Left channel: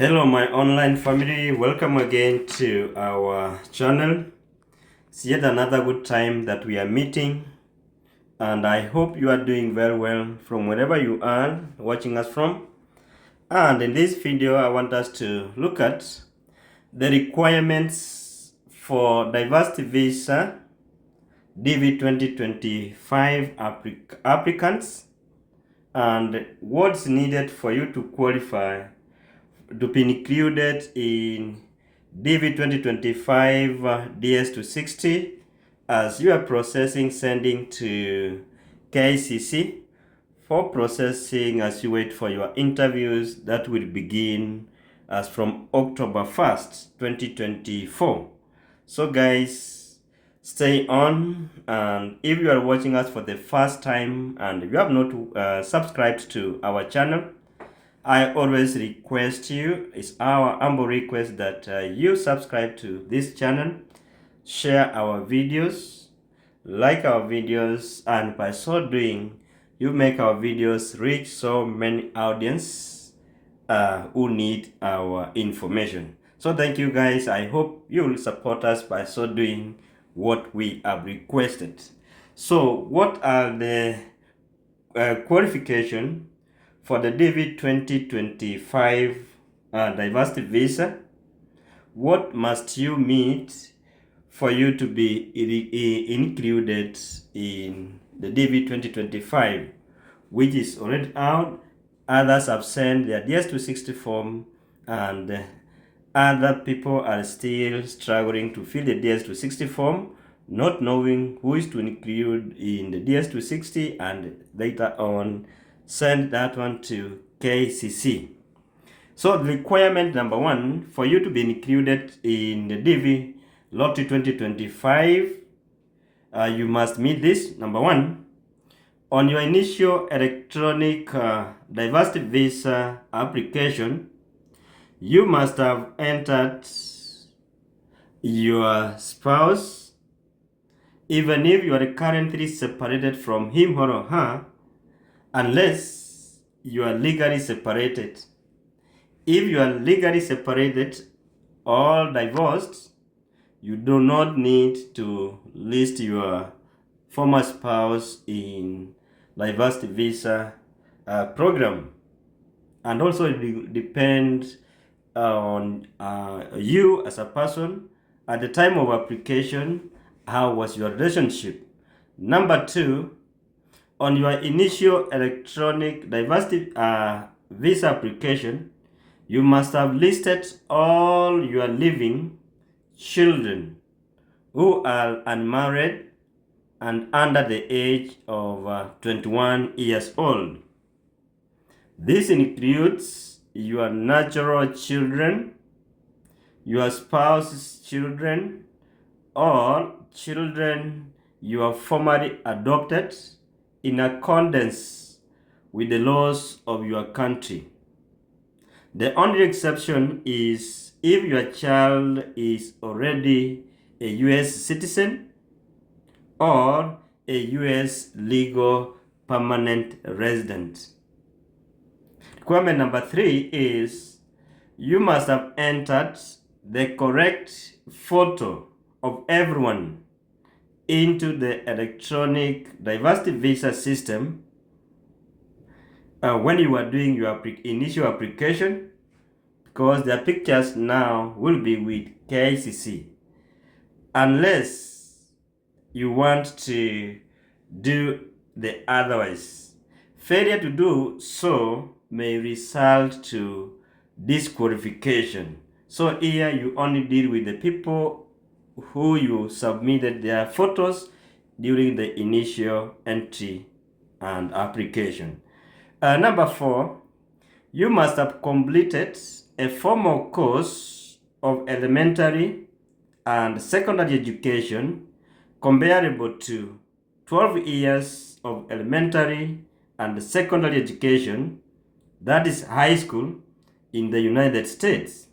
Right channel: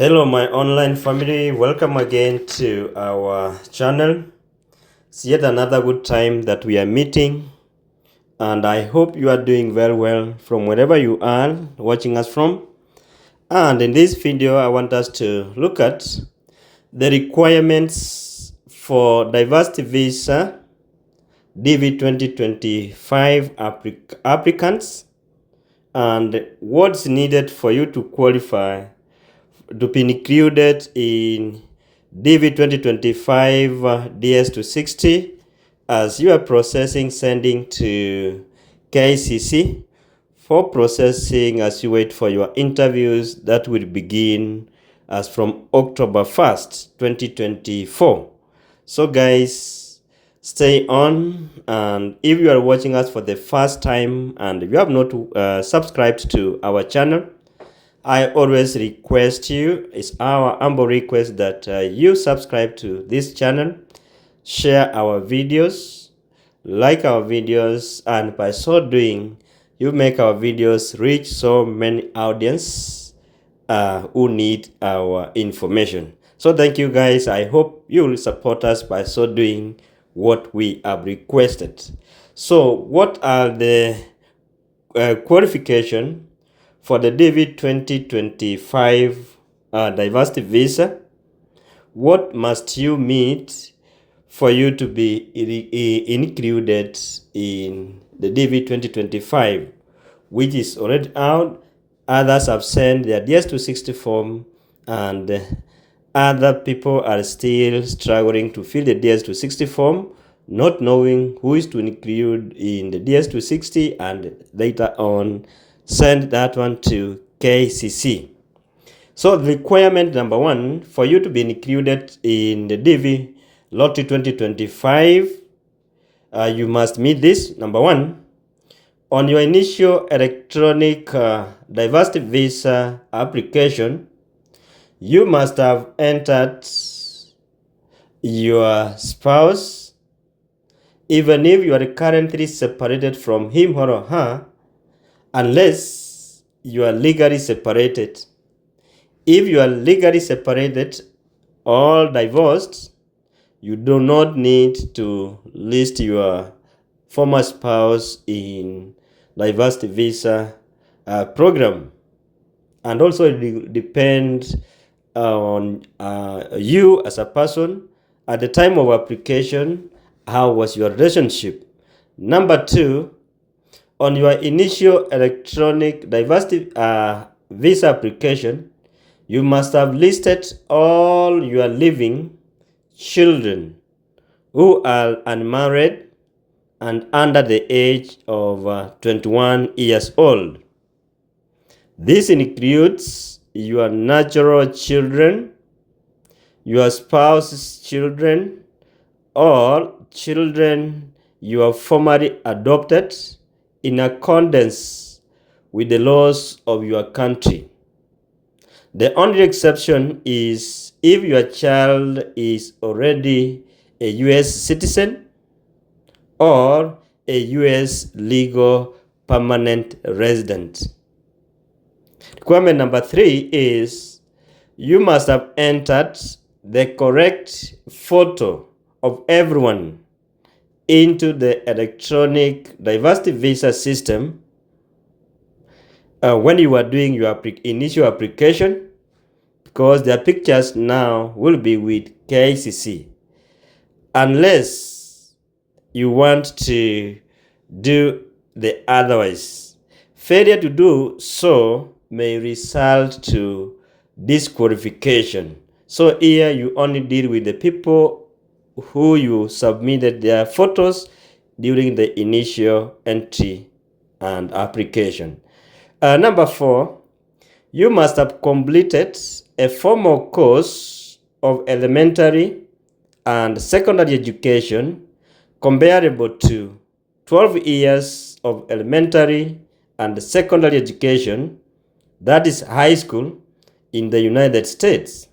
Hello, my online family. Welcome again to our channel. It's yet another good time that we are meeting, and I hope you are doing very well from wherever you are watching us from. And in this video, I want us to look at the requirements for diversity visa DV 2025 applicants and what's needed for you to qualify to be included in DV 2025 DS260 as you are processing sending to KICC for processing as you wait for your interviews that will begin as from October 1st, 2024. So guys, stay on, and if you are watching us for the first time and you have not subscribed to our channel, I always request you, it's our humble request that you subscribe to this channel, share our videos, like our videos, and by so doing, you make our videos reach so many audience who need our information. So thank you guys. I hope you will support us by so doing what we have requested. So what are the qualification for the DV 2025 diversity visa? What must you meet for you to be included in the DV 2025, which is already out? Others have sent their DS260 form, and other people are still struggling to fill the DS260 form, not knowing who is to include in the DS260, and later on send that one to KCC. So the requirement number one for you to be included in the DV Lottery 2025, you must meet this. Number one, on your initial electronic diversity visa application, you must have entered your spouse, even if you are currently separated from him or her, unless you are legally separated. If you are legally separated or divorced, you do not need to list your former spouse in diversity visa program. And also it will depend on you as a person at the time of application. How was your relationship? Number two, on your initial electronic diversity visa application, you must have listed all your living children who are unmarried and under the age of 21 years old. This includes your natural children, your spouse's children, or children you have formerly adopted in accordance with the laws of your country. The only exception is if your child is already a U.S. citizen or a U.S. legal permanent resident. Requirement number three is you must have entered the correct photo of everyone into the electronic diversity visa system when you are doing your initial application, because their pictures now will be with KICC. Unless you want to do the otherwise, failure to do so may result to disqualification. So here you only deal with the people who you submitted their photos during the initial entry and application. Number four, you must have completed a formal course of elementary and secondary education comparable to 12 years of elementary and secondary education, that is high school, in the United States.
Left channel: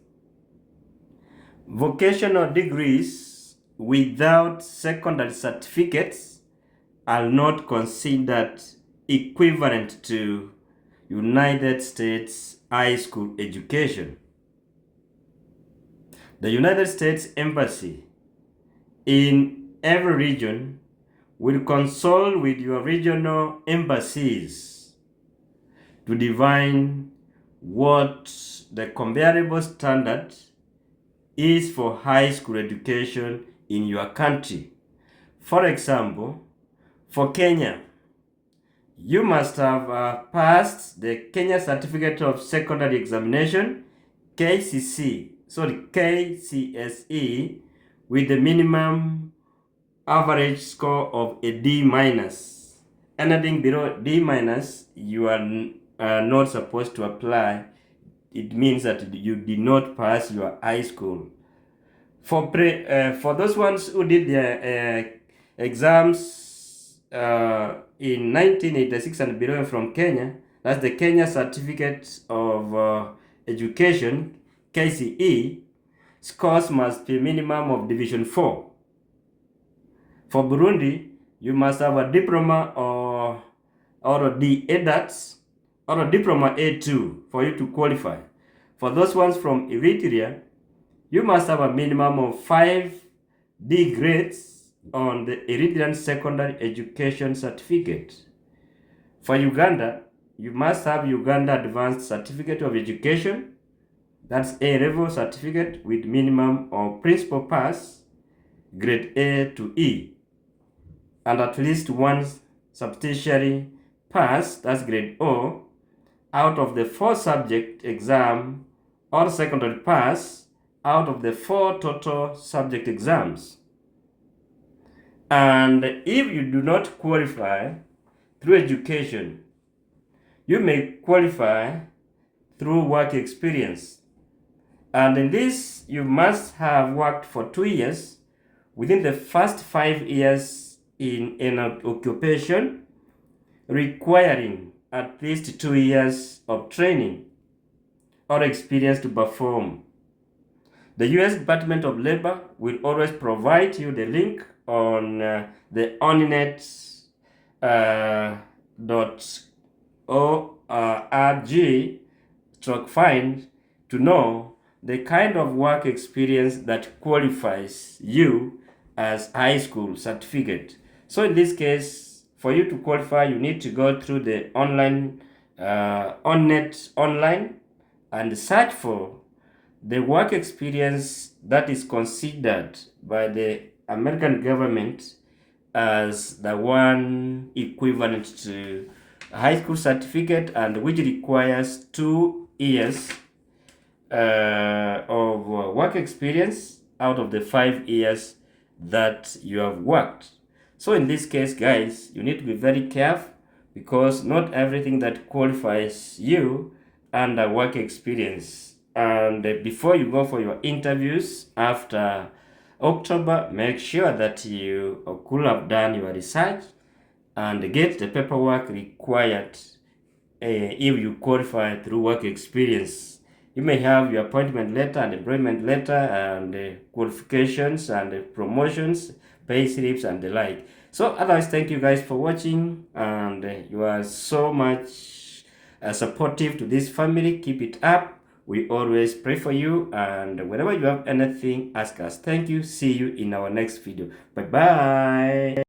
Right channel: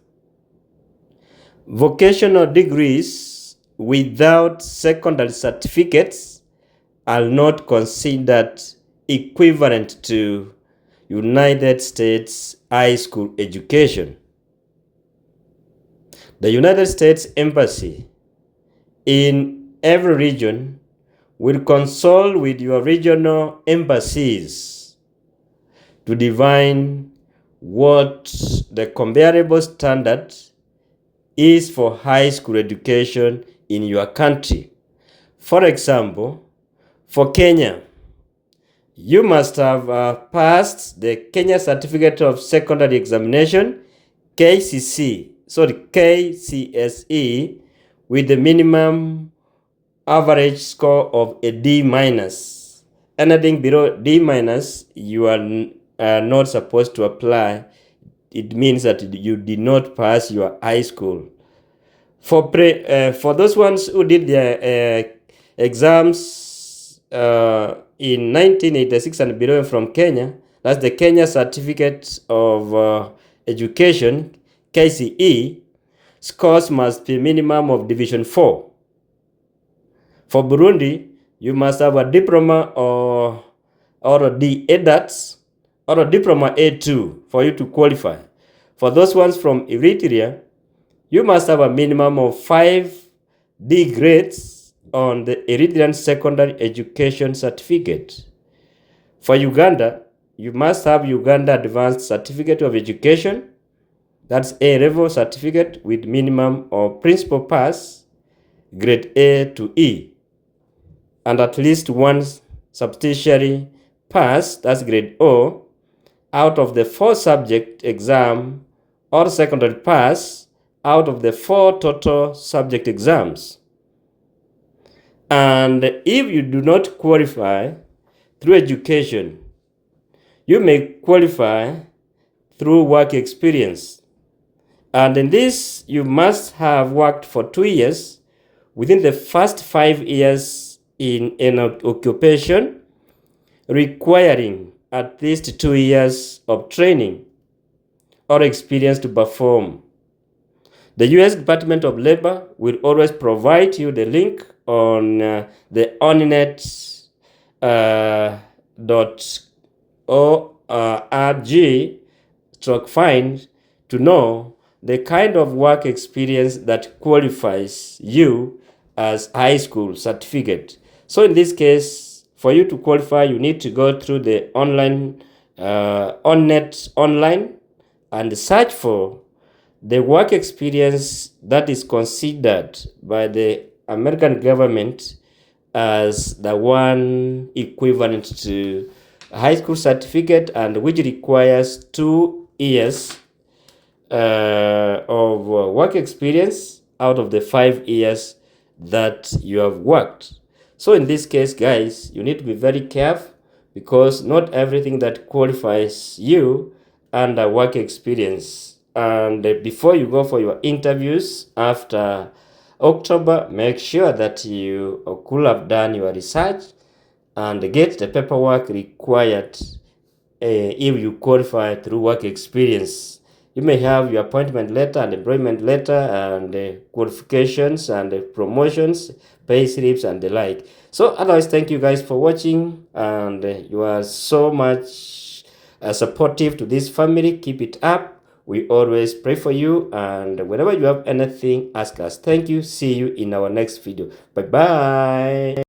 Vocational degrees without secondary certificates are not considered equivalent to United States high school education. The United States Embassy in every region will consult with your regional embassies to define what the comparable standard is for high school education in your country. For example, for Kenya, you must have passed the Kenya Certificate of Secondary Examination, KCSE, with the minimum average score of a D-. Anything below D-, you are not supposed to apply. It means that you did not pass your high school. For those ones who did their exams in 1986 and below from Kenya, that's the Kenya Certificate of Education, KCE, scores must be minimum of Division 4. For Burundi, you must have a diploma or a D-EDAT or a diploma A2 for you to qualify. For those ones from Eritrea, you must have a minimum of 5 D grades on the Eritrean Secondary Education Certificate. For Uganda, you must have Uganda Advanced Certificate of Education, that's A-level certificate with minimum of principal pass, grade A to E, and at least one substantiary pass, that's grade O, out of the 4 subject exam or secondary pass out of the 4 total subject exams. And if you do not qualify through education, you may qualify through work experience. And in this, you must have worked for 2 years within the first 5 years in an occupation requiring at least 2 years of training or experience to perform. The U.S. Department of Labor will always provide you the link on the oninet.org/find to know the kind of work experience that qualifies you as high school certificate. So in this case, for you to qualify, you need to go through the online OnNet online and search for the work experience that is considered by the American government as the one equivalent to a high school certificate and which requires 2 years of work experience out of the 5 years that you have worked. So in this case, guys, you need to be very careful because not everything that qualifies you under work experience. And before you go for your interviews after October, make sure that you could have done your research and get the paperwork required if you qualify through work experience. You may have your appointment letter and employment letter and qualifications and promotions, pay slips and the like. So otherwise, thank you guys for watching, and you are so much supportive to this family. Keep it up. We always pray for you, and whenever you have anything, ask us. Thank you. See you in our next video. Bye-bye.